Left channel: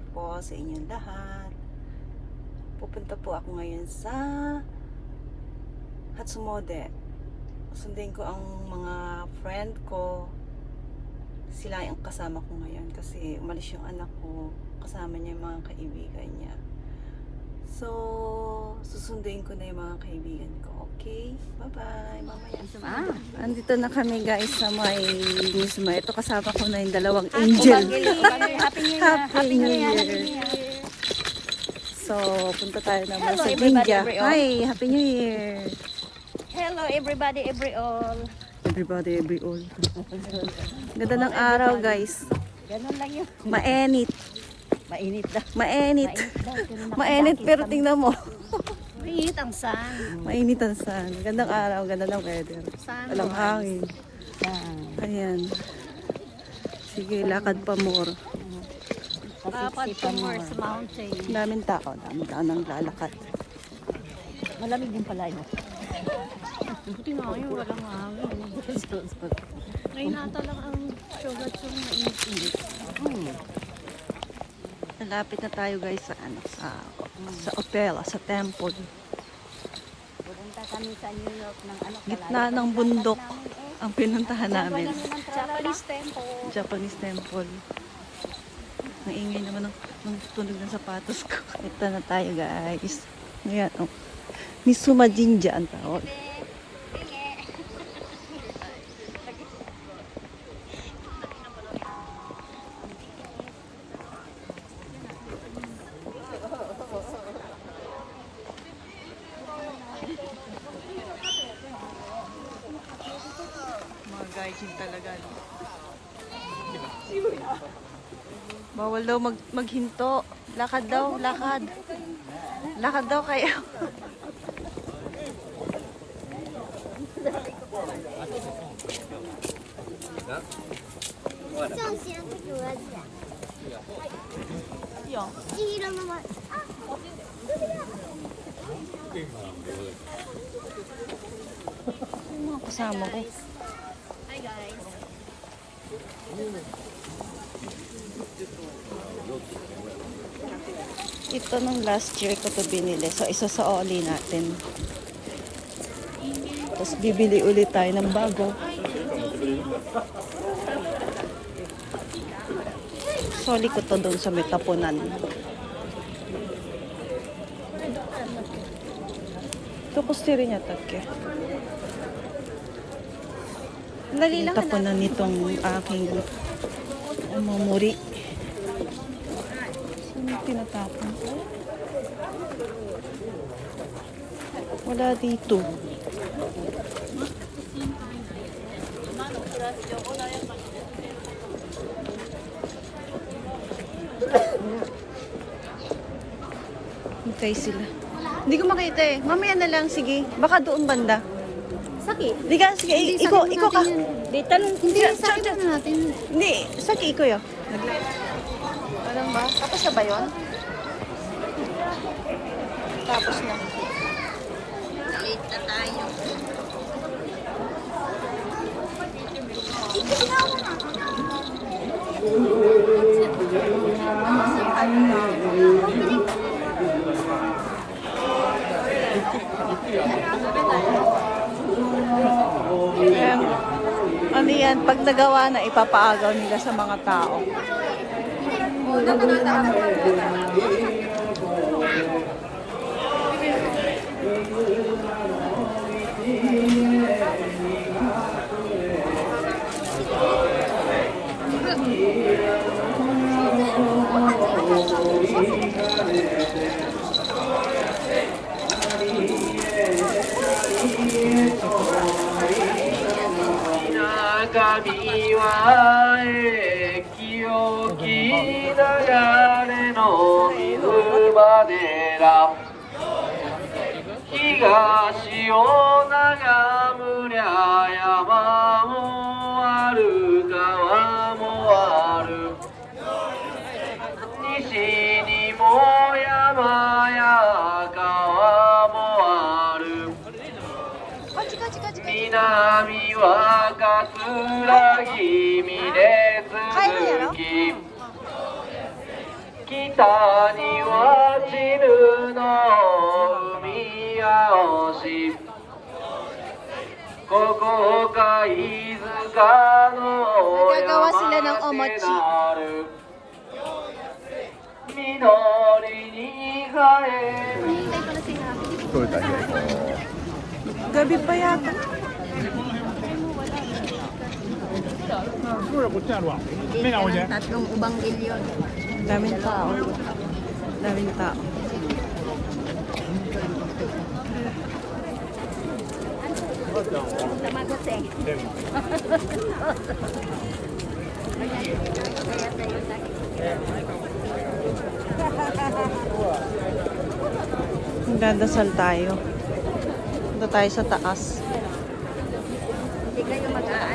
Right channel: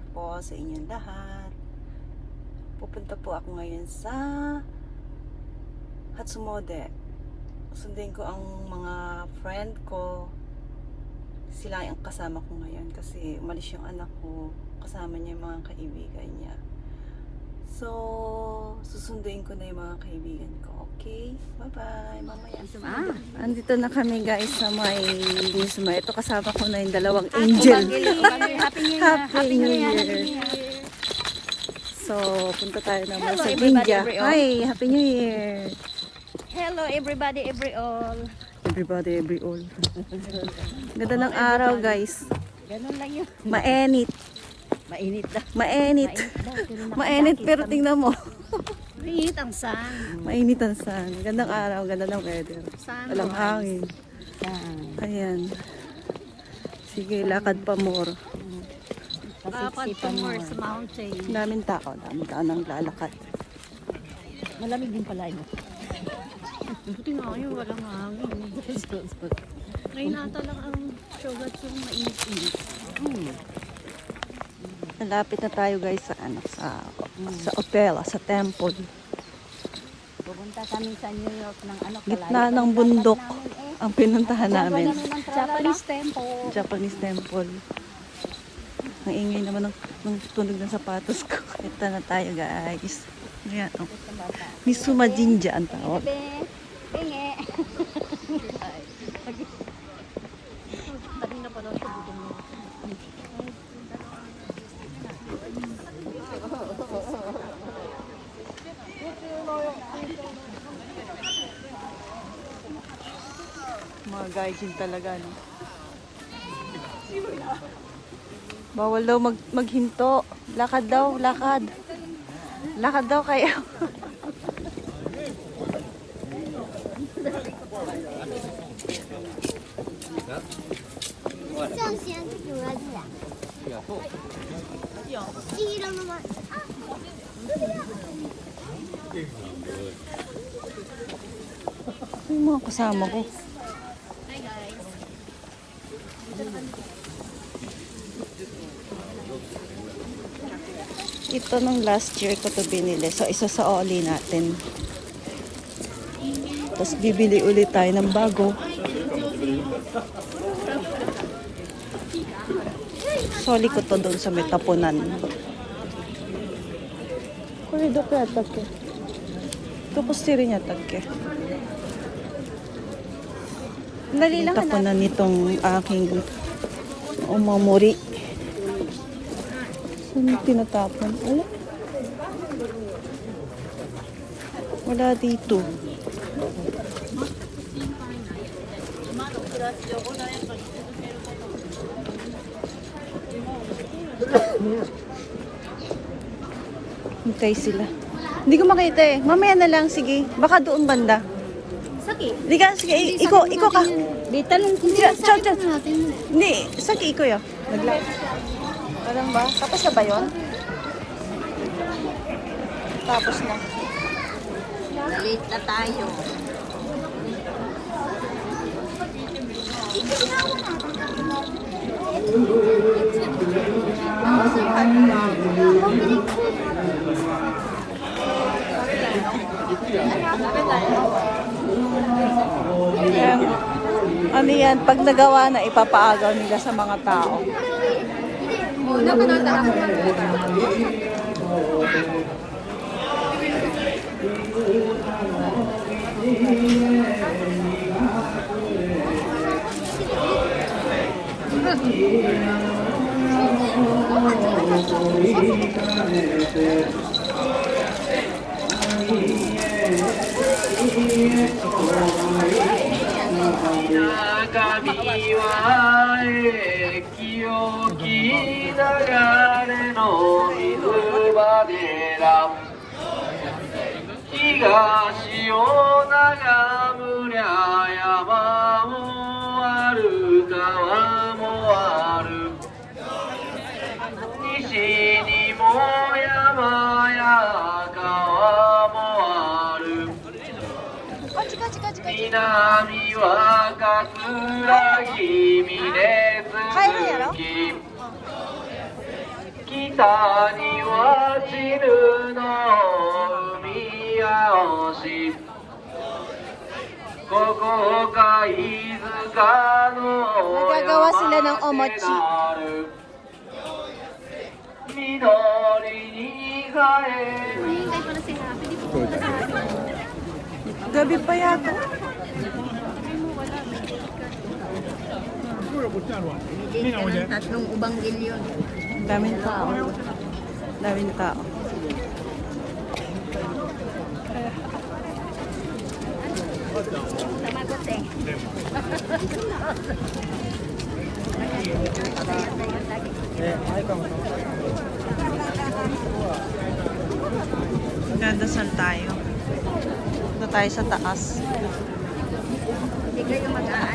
Year po sa inyong lahat. Pupunta po ako ngayon sa Hatsumode. Sundin ko ang mga friend ko. Sila ang kasama ko ngayon kasi umalis yung anak ko. Kasama niya yung mga kaibigan niya. So, susunduin ko na yung mga kaibigan ko. Okay? Bye-bye. Mamaya. Andito na kami guys sa may mismo. Ito kasama ko na yung dalawang angel. Happy New Year! Happy New Year! Happy New Year! So, punta tayo naman Hello, sa everybody, India. everyone. Hey, Happy New Year! Hello everybody, everyone! Everybody, every all. Ganda ng araw guys. Ganun lang yun. Mainit. Mainit daw. Mainit. Mainit pero tingnan mo. Mainit ang sun. Mainit ang sun. Gandang araw, ganda ng weather. Walang hangin. Ayan. Sige, lakad pa more. Dapat tumor sa mountain. Daming tao nang lalakad. Malamig din pala yun. Buti nga yun, walang hangin. Ngayon na talaga ang sugat yung mainit-init. Malapit na tayo guys sa sa hotel, sa temple. Pupunta kami sa New York ng Gitna ng bundok ang pinuntahan namin. Japanese temple. Japanese temple. Ang ingay naman ng tunog ng sapatos ko. Ito na tayo guys. Yan oh. Misuma Jinja ang tawag. Mga gaijin talaga, no? Bawal daw maghinto. Lakad daw, lakad. Lakad daw kayo. Yung mga kasama ko. Hi guys. Ito nung last year ko to binili. So, isa sa oli natin. Tapos, bibili ulit tayo ng bago. Soli ko to doon sa Metapunan. Kurido ko yata ke. Ito ko stiri niya ke. Metapunan nitong aking umamuri. Saan tinatapon? Wala dito. Hintay sila. Hindi ko makita eh. Mamaya na lang, sige. Baka doon banda. Saki. Hindi ka, sige. Iko ka. Di tanong hindi Chow. Hindi, saki iko yun. Walang ba? Tapos na ba yun? Tapos na. Kita tayo. Ano yan? Pag nagawa na, ipapaagaw nila sa mga tao.南は桂姫です。帰るんやろ？北にはチルの海青しここ貝塚の Nagagawa sila ng omochi. 緑に変え Hinihintay ko na si Happy. Di po pumunta sa Happy. Gabi pa yata. Ay mo, wala. Tatlong ubang ilyon. Daming tao. Daming tao. Magdadasal tayo. Dito tayo sa taas. Hindi kayo mag-aano.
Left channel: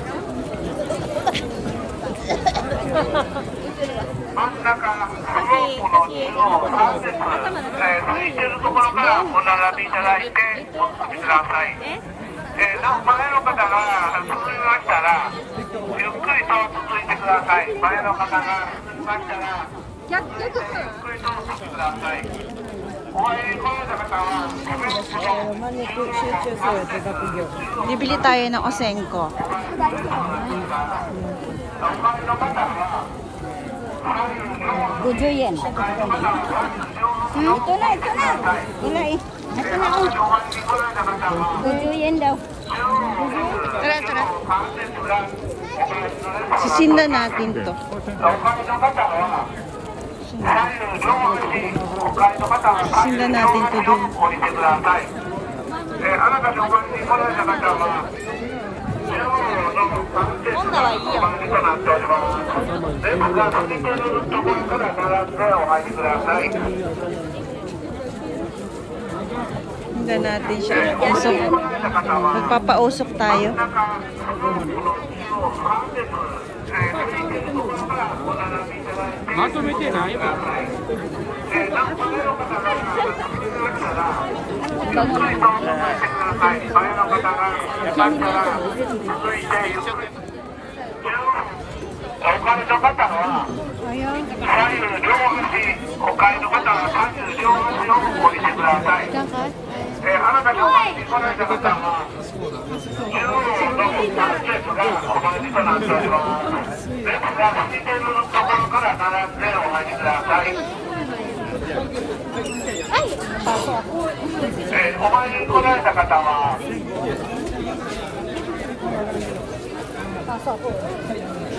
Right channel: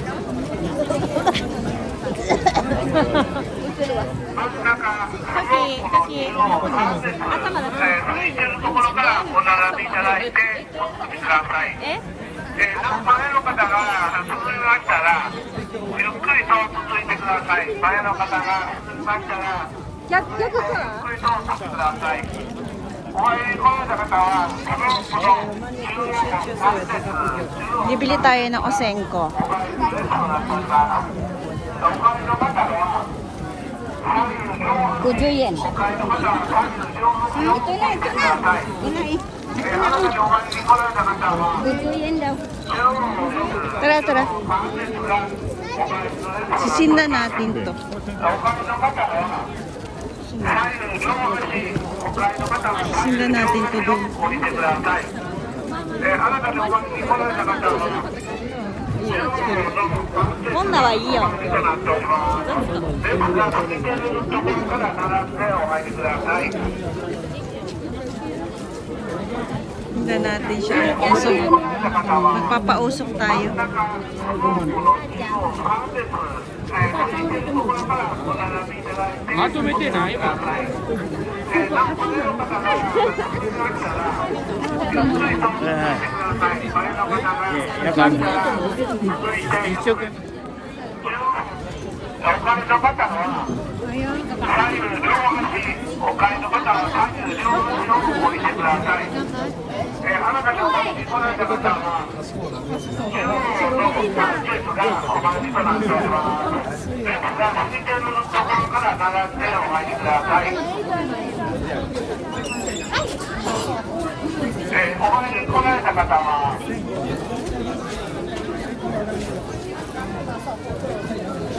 Bibili tayo ng Osenko. Kujo yen. Ito na, ito na. Wala eh. Ito na. Kujo yen daw. Tara, tara. Sisinda natin to. Sisinda natin to dun. Sisinda natin siya. Usok. Magpapausok tayo.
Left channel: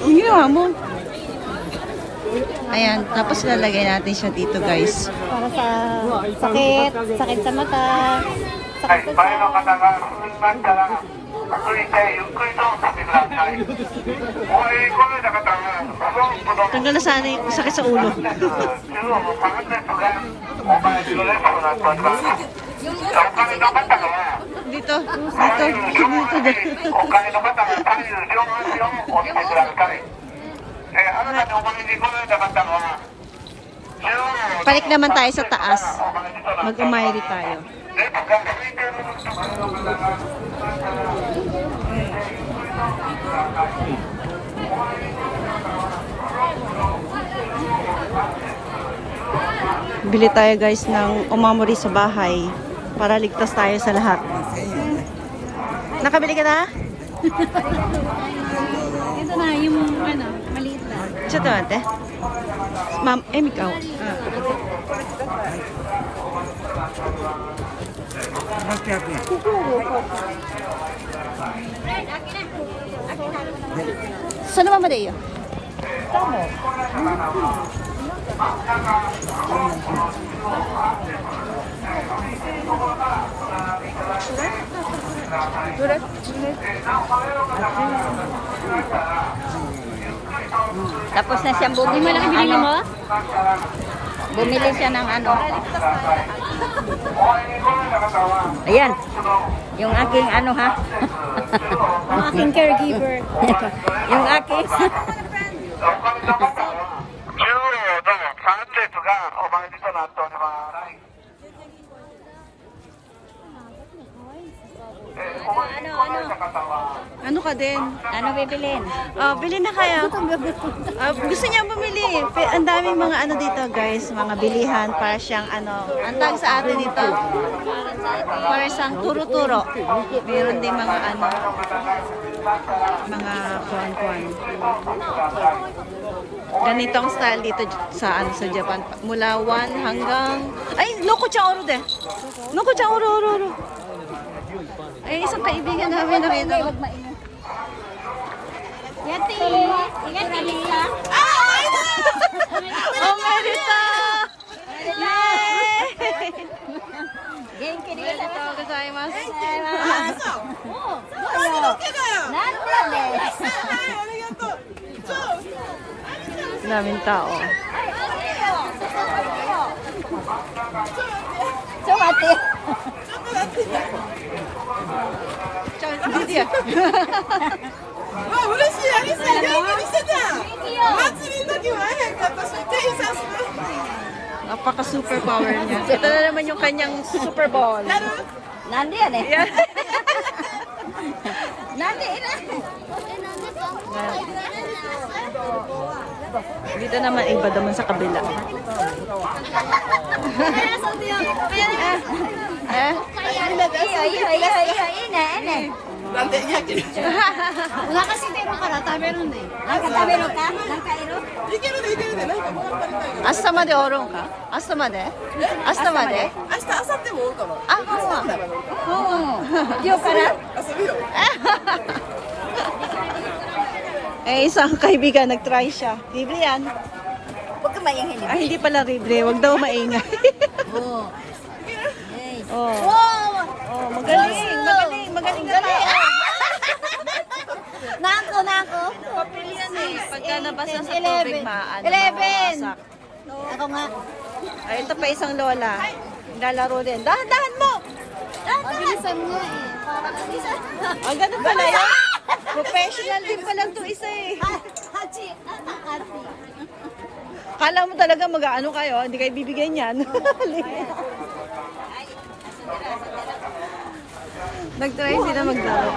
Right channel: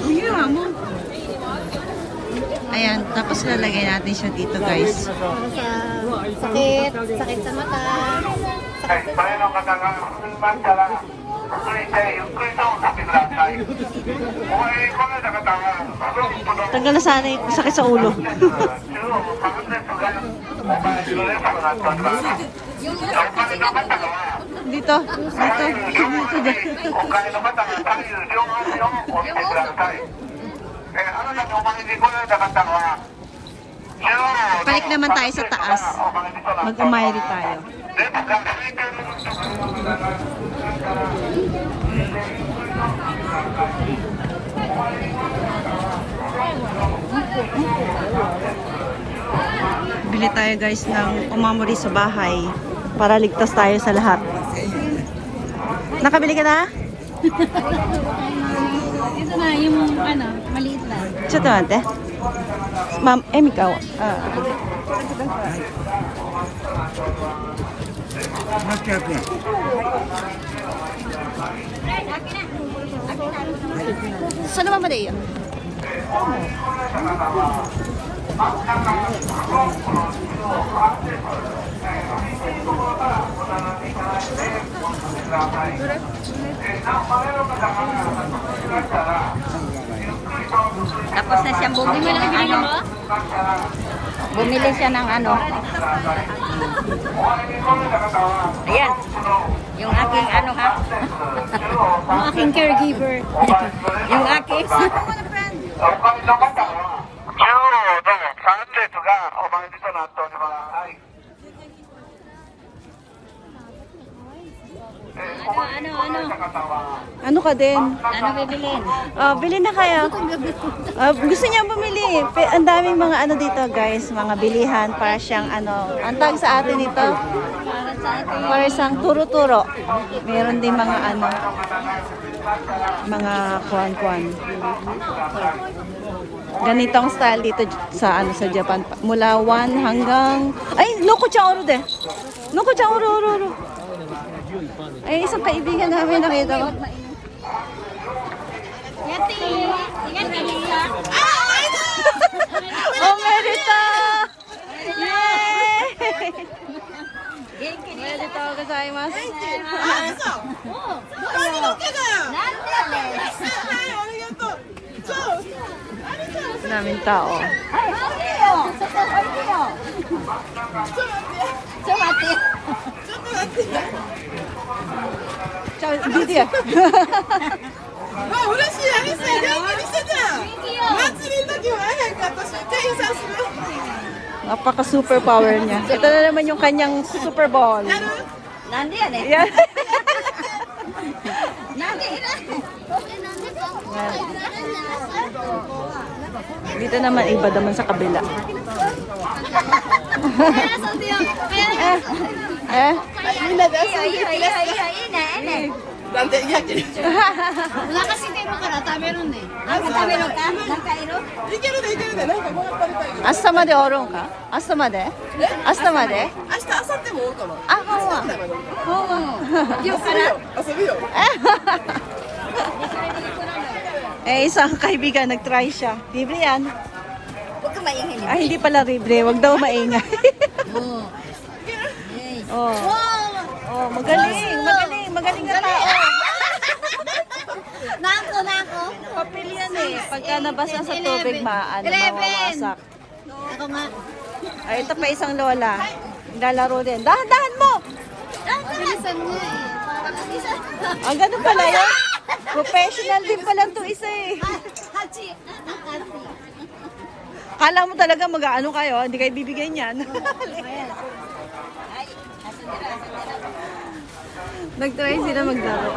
Hindi na mo. Ayan, tapos lalagay natin siya dito, guys. Para sa sakit, sakit sa mata. Sakit sa Tanggal na sana yung sakit sa ulo. Dito, dito, dito. Balik naman tayo sa taas. Mag-umayri tayo. Bili tayo guys ng umamori sa bahay para ligtas tayo sa lahat. Nakabili ka na? Ito na, yung ano, maliit na. Siya ito ate. Ma'am, ikaw. Saan naman ba dayo? Tapos na siyang bumili ng ano. Bumili siya ng ano. Ayan. Yung aking ano ha. Yung aking caregiver. Yung aking. どうも、3列がお参りとなっております。Ano ka din? Ano bibilin? Bili na kayo. Gusto niya bumili. Ang daming mga ano dito guys, mga bilihan para siyang ano. Ang tag sa atin ito, para siyang turo-turo. Meron din mga ano, mga kuan-kuan. Ganitong style dito sa ano sa Japan. Mula 1 hanggang ay, Noko-chan oro de. Noko-chan oro. Ay, isang kaibigan namin nakita ko. Oh, Merita! Yay! Merita gozaimasu. Daming tao. Ciao, Didi. 嬉しい、アリスさん、元気にしてた。祭りの時は会えへんかったし、店員さんする。 Napaka super power niya. Ito na naman yung kanyang Super Bowl. Nandi yan eh. Yan. Nandi na. Dito naman iba naman sa kabila. eh? みんなで遊んでいらっしゃい。なんで、いやけど。い Nakasitiro ka na, tameron eh. Nakatamero ka? Nakairo? けるで、いけるで、なんかもらったりたい。明日までおるんか？明日まで？明日まで？明日、明後日もおるかな。あ、ほんま。ほんま。遊ぶよ。 Isang kaibigan nag-try siya. Libre yan. Huwag ka maingay. Ay, hindi pala libre. Huwag daw maingay. Oo. Oh, magaling na tao. Nako. Papel yan eh. Pagka nabasa sa tubig, mawawasak. Ako nga. Ay, ito pa isang lola. Lalaro din. Dahan-dahan mo! Bilisan mo eh. Bilisan. Ganun pala yun. Professional din pala ito isa eh. Hachi. Hachi. Kala mo talaga mag-ano kayo, hindi kayo bibigyan yan. Nag-try sila maglaro.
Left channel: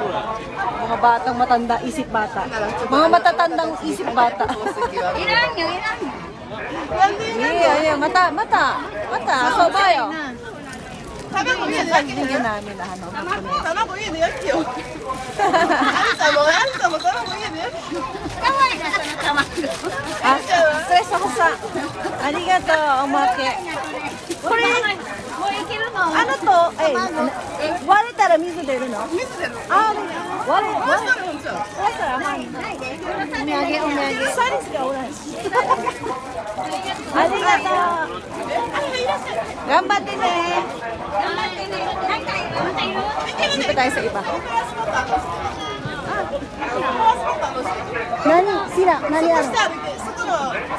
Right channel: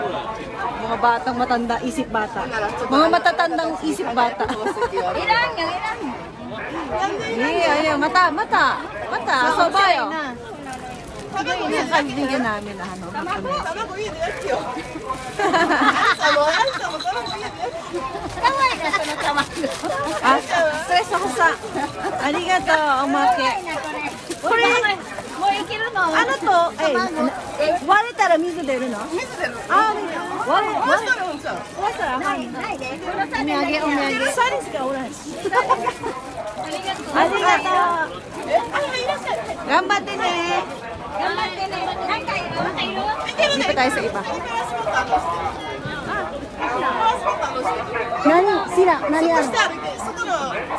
Mga batang matanda, isip bata. Mga matatandang isip bata. Ilan nyo. Ayan, mata. Sobayo. Yung kaibigan namin na ano, Hapones. 卵家でやってよ。最後、あんたも卵家でやってよ。 stress ako sa. Arigato, umake. Kore, もういけるの ano to? Ay, wale tara mizu deru no? Wale tara han. Umyage. Saris ka oran. Arigato. Ganbatte ne. Hindi pa tayo sa iba. Nani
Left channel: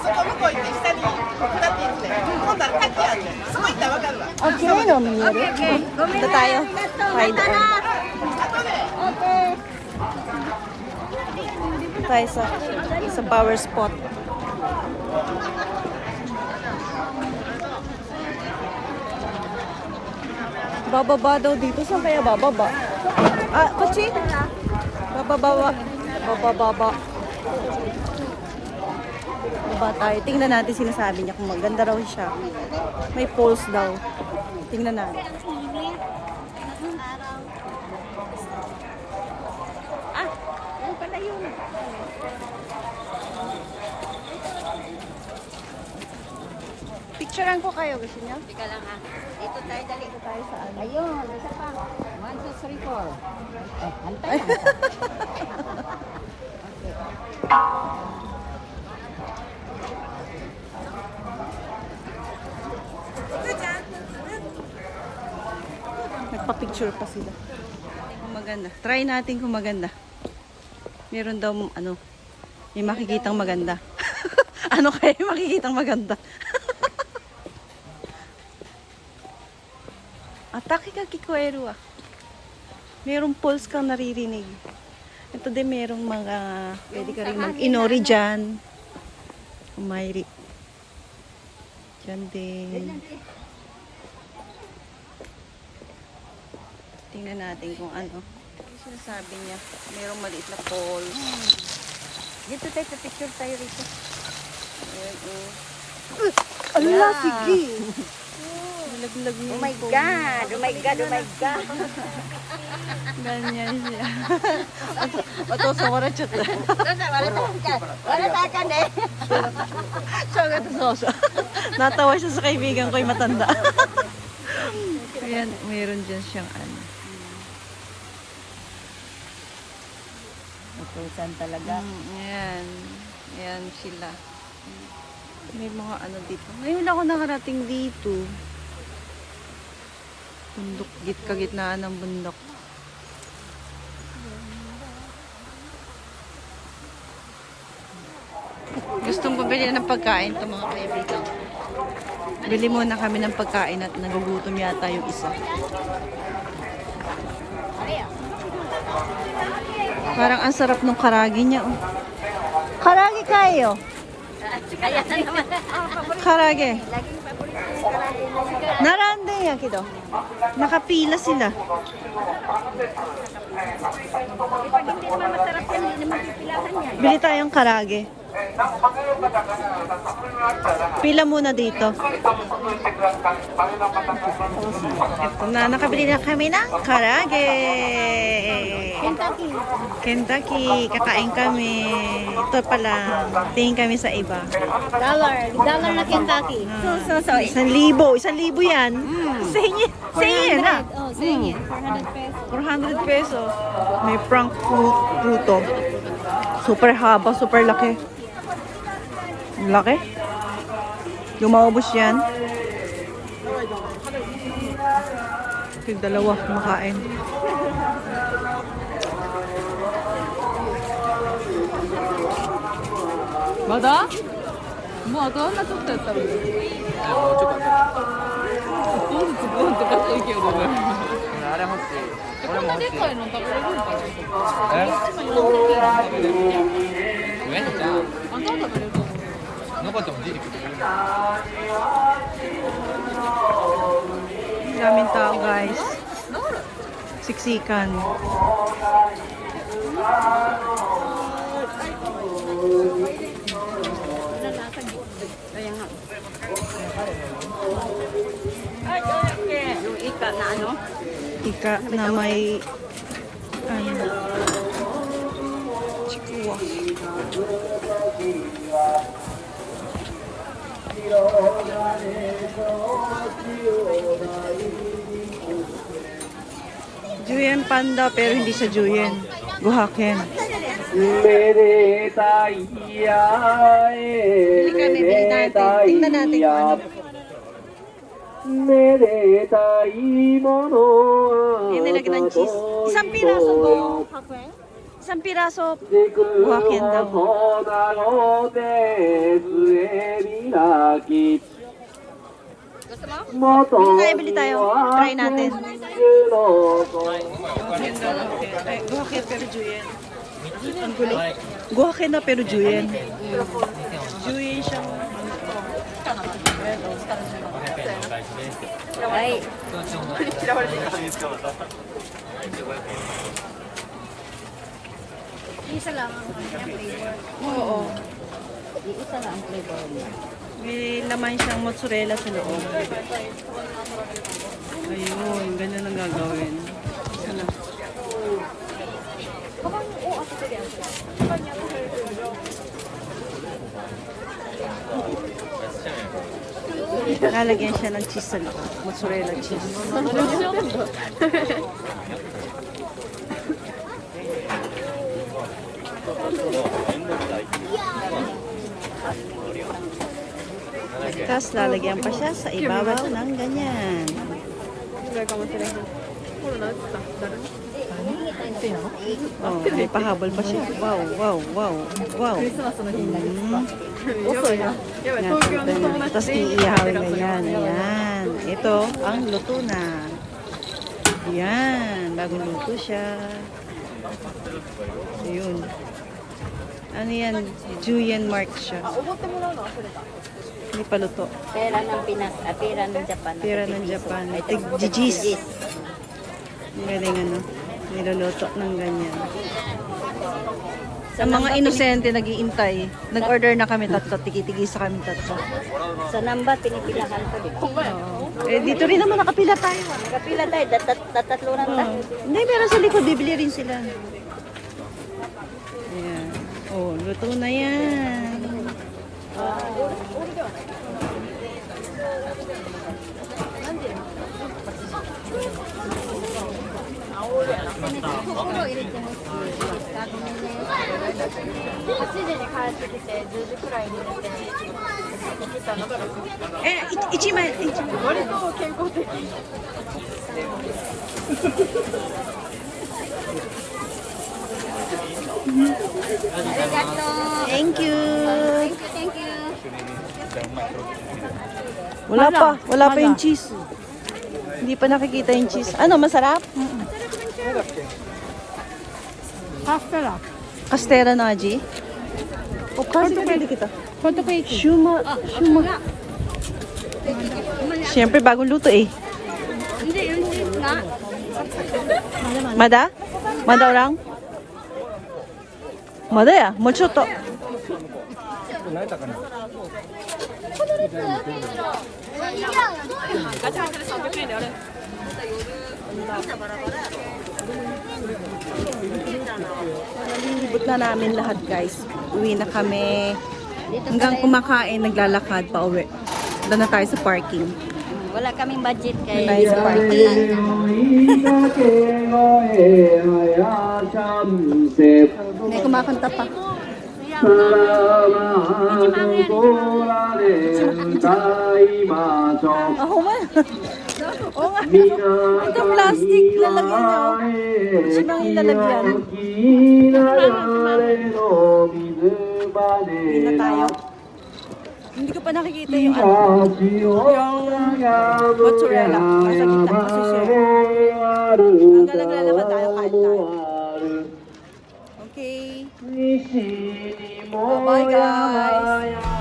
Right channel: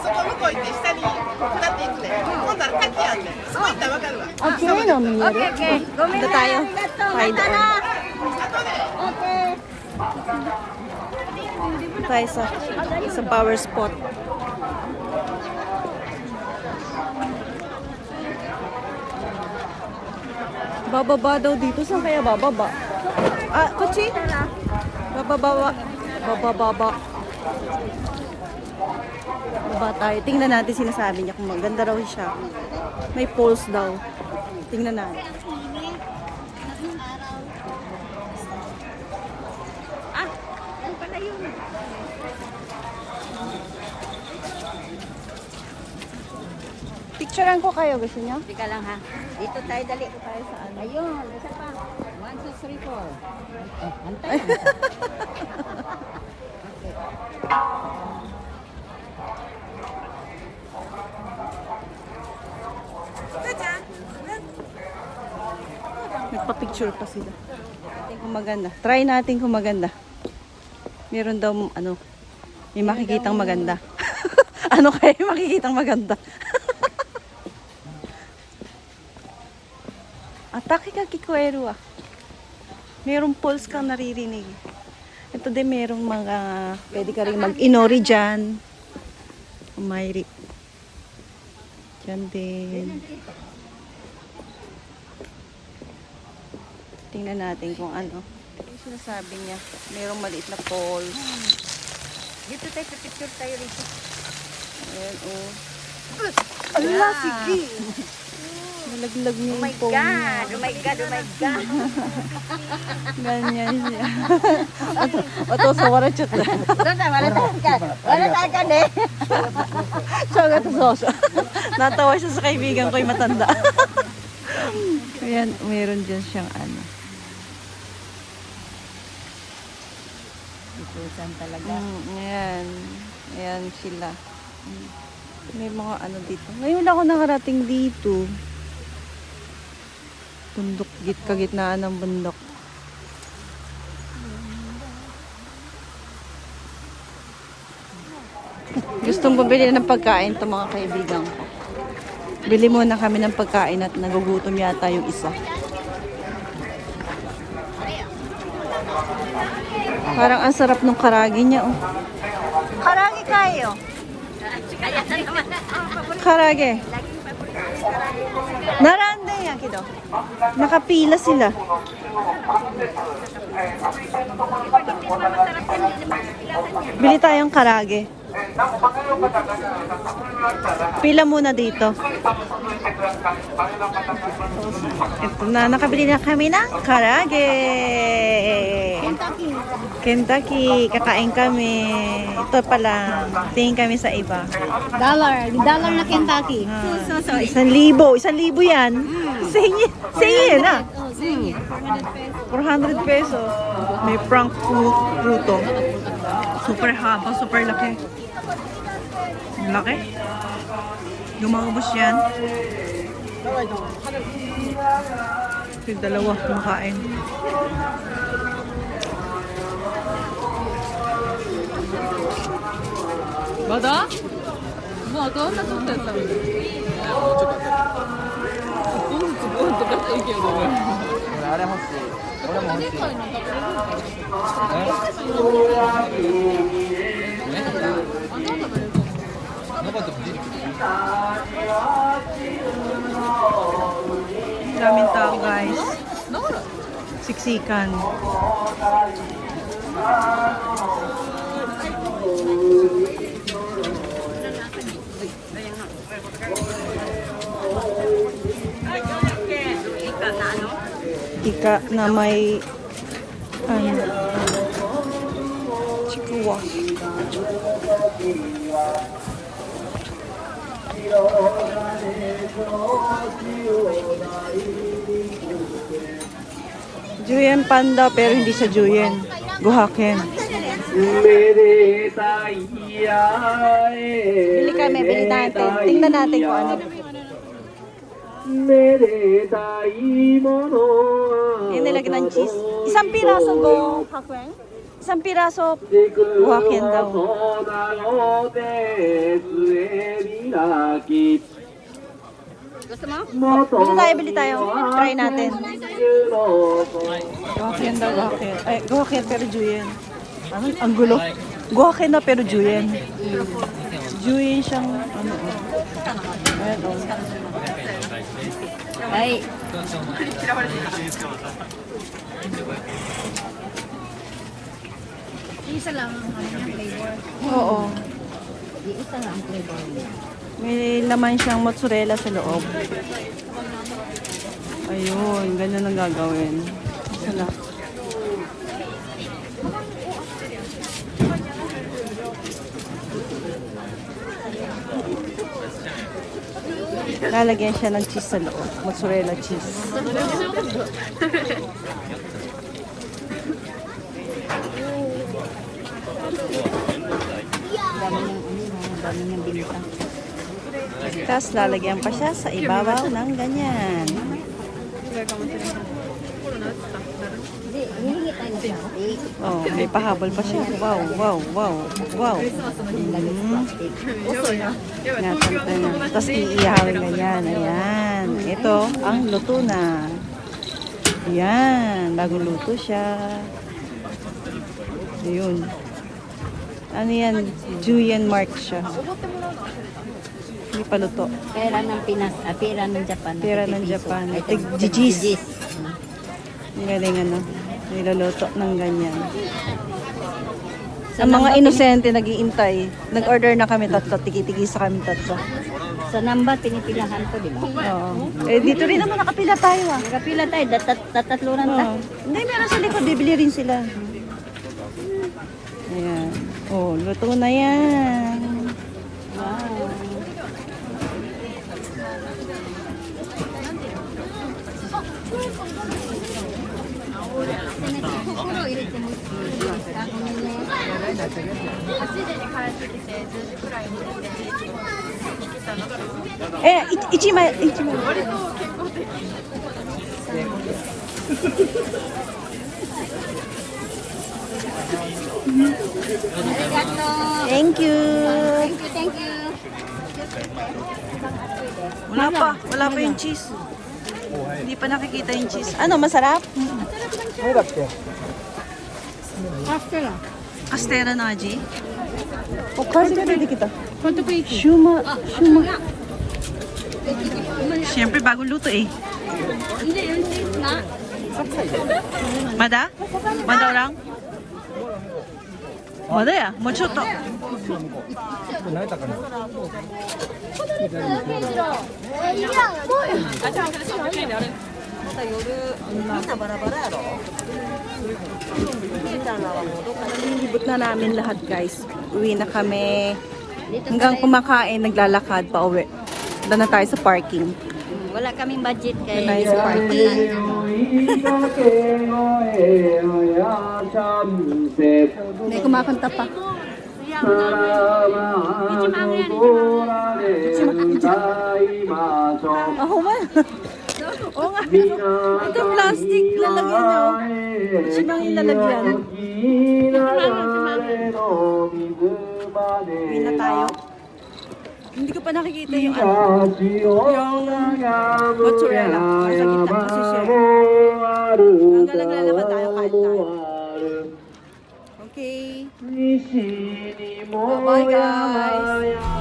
そこ向こう行って下に下って行って今度は滝あんねんそこ行ったらわかるわ Punta tayo. Tayo doon. Tayo sa power spot. Bababa daw dito. Saan kaya bababa? Kutsi? Bababa. Baba tayo. Tingnan natin sinasabi niya kung maganda raw siya. May poles daw. Tingnan natin. Picturean ko kayo. Gusto niyo? Teka lang ha. Dito tayo, dali. Dito tayo sa ano. Ayun, isa pa. 1, 2, 3, 4. Nagpa-picture pa sila. Kung maganda. Try natin kung maganda. Meron daw, ano, may makikitang maganda. Ano kaya yung makikitang maganda? Atake ka kikuero ah. Merong pulse kang naririnig. Ito din merong mga, pwede ka rin mag-inori dyan. Umayri. Dyan din. Tingnan natin kung ano. Sinasabi niya. Mayroong maliit na pole. Dito tayo, picture tayo rito. Ayan, oh. Allah, sige! Nalaglag niya Oh my yung phone niya. God! Oh my God! Oh my God! Ganyan siya. Oto, sa wala chat na. Wala ka dyan eh! So, gato soso. Natawa siya sa kaibigan ko yung matanda. Ayan, meron dyan siyang ano. Itusan talaga. Ayan. Ayan sila. May mga ano dito. Ngayon lang ako nakarating dito. Bundok, kagitnaan ng bundok. Gustong bumili ng pagkain to mga kaibigan ko. Bili muna kami ng pagkain at nagugutom yata yung isa. Parang ang sarap ng karagi niya, oh. Karagi kayo. Karagi. Narande yan, kido. Nakapila sila. Bili tayong karage. Pila muna dito. Ito na, nakabili na kami ng karage. Kentucky. Kentucky, kakain kami. Ito pala, tingin kami sa iba. Dollar na Kentucky. Ah, So, 1,000 yan. Sa inyo na. Oh, sa inyo. 400 pesos. 400 pesos. May prank fruto. Super haba, super laki. Ang laki. Lumaubos yan. Yung dalawa kumakain. Bada? Mo, doon na tuto sa mo.俺あれ欲しい俺も欲しいなかったもん出てきて Daming tao, guys. Siksikan. Ika na may ano, chikuwa. Juyen panda pero hindi siya Juyen. Guhaken. Bili kami, bili natin. Tingnan natin kung ano. Yan nilagyan ng cheese. Isang piraso guhaken. Isang piraso guhaken daw. Bili tayo. Try natin. Guhaken daw, guhaken. Eh, guhaken pero Juyen. Ang gulo. Guhaken na pero Juyen. Juyen siyang ano. Ayan o. Ay. Isa lang ang flavor. Oo. Isa lang ang flavor niya. May laman siyang mozzarella sa loob. Ayun, ganyan ang gagawin. Isa lang. Lalagyan siya ng cheese sa loob. Mozzarella cheese. Tapos lalagyan pa siya sa ibabaw ng ganyan. Oh, may pahabol pa siya. Wow, wow, wow, wow. Natanta na. Tapos iihawin ganyan. Ayan. Ito, ang luto na. Ayan. Bagong luto siya. Ayun. Ano yan? Juyen mark siya. Hindi pa luto. Pera ng Pinas, pera ng Japan. Pera ng Japan. Tig-jijis. Ang galing ano, niluluto ng ganyan. Ang mga inosente nag-iintay. Nag-order na kami tatlo, tiki-tiki sa kami tatlo. Sa number, pinipilahan ko din. Oo. Eh, dito rin naman nakapila tayo ah. Kapila tayo, tatatlo na Oo. Hindi, meron sa likod, bibili rin sila. Ayan. Oh, luto na yan. Eh, ichima. Thank you. Thank you. Wala pa yung cheese. Hindi pa nakikita yung cheese. Ano, masarap? Castella. Castera na, G. O, kasi pwede kita. Photo page. Shuma. Siyempre, bagong luto eh. Hindi, nga. Mada? Mada lang? Mada ya? Moちょっと. Nalilibot na namin lahat guys. Uwi na kami. Hanggang kumakain, naglalakad pa uwi. Doon na tayo sa parking. Wala kaming budget Doon kay tayo sa parking. May kumakanta pa. Oo nga. Oo nga. Ito plastic lalagyan niya. Ichimang yung lalagyan. Hindi na tayo. Hindi ko pa nakikita yung ano. Yung mozzarella. Nasa gitna kasi siya. Hanggang naglalakad tayo kahit tayo. Okay. Bye-bye guys.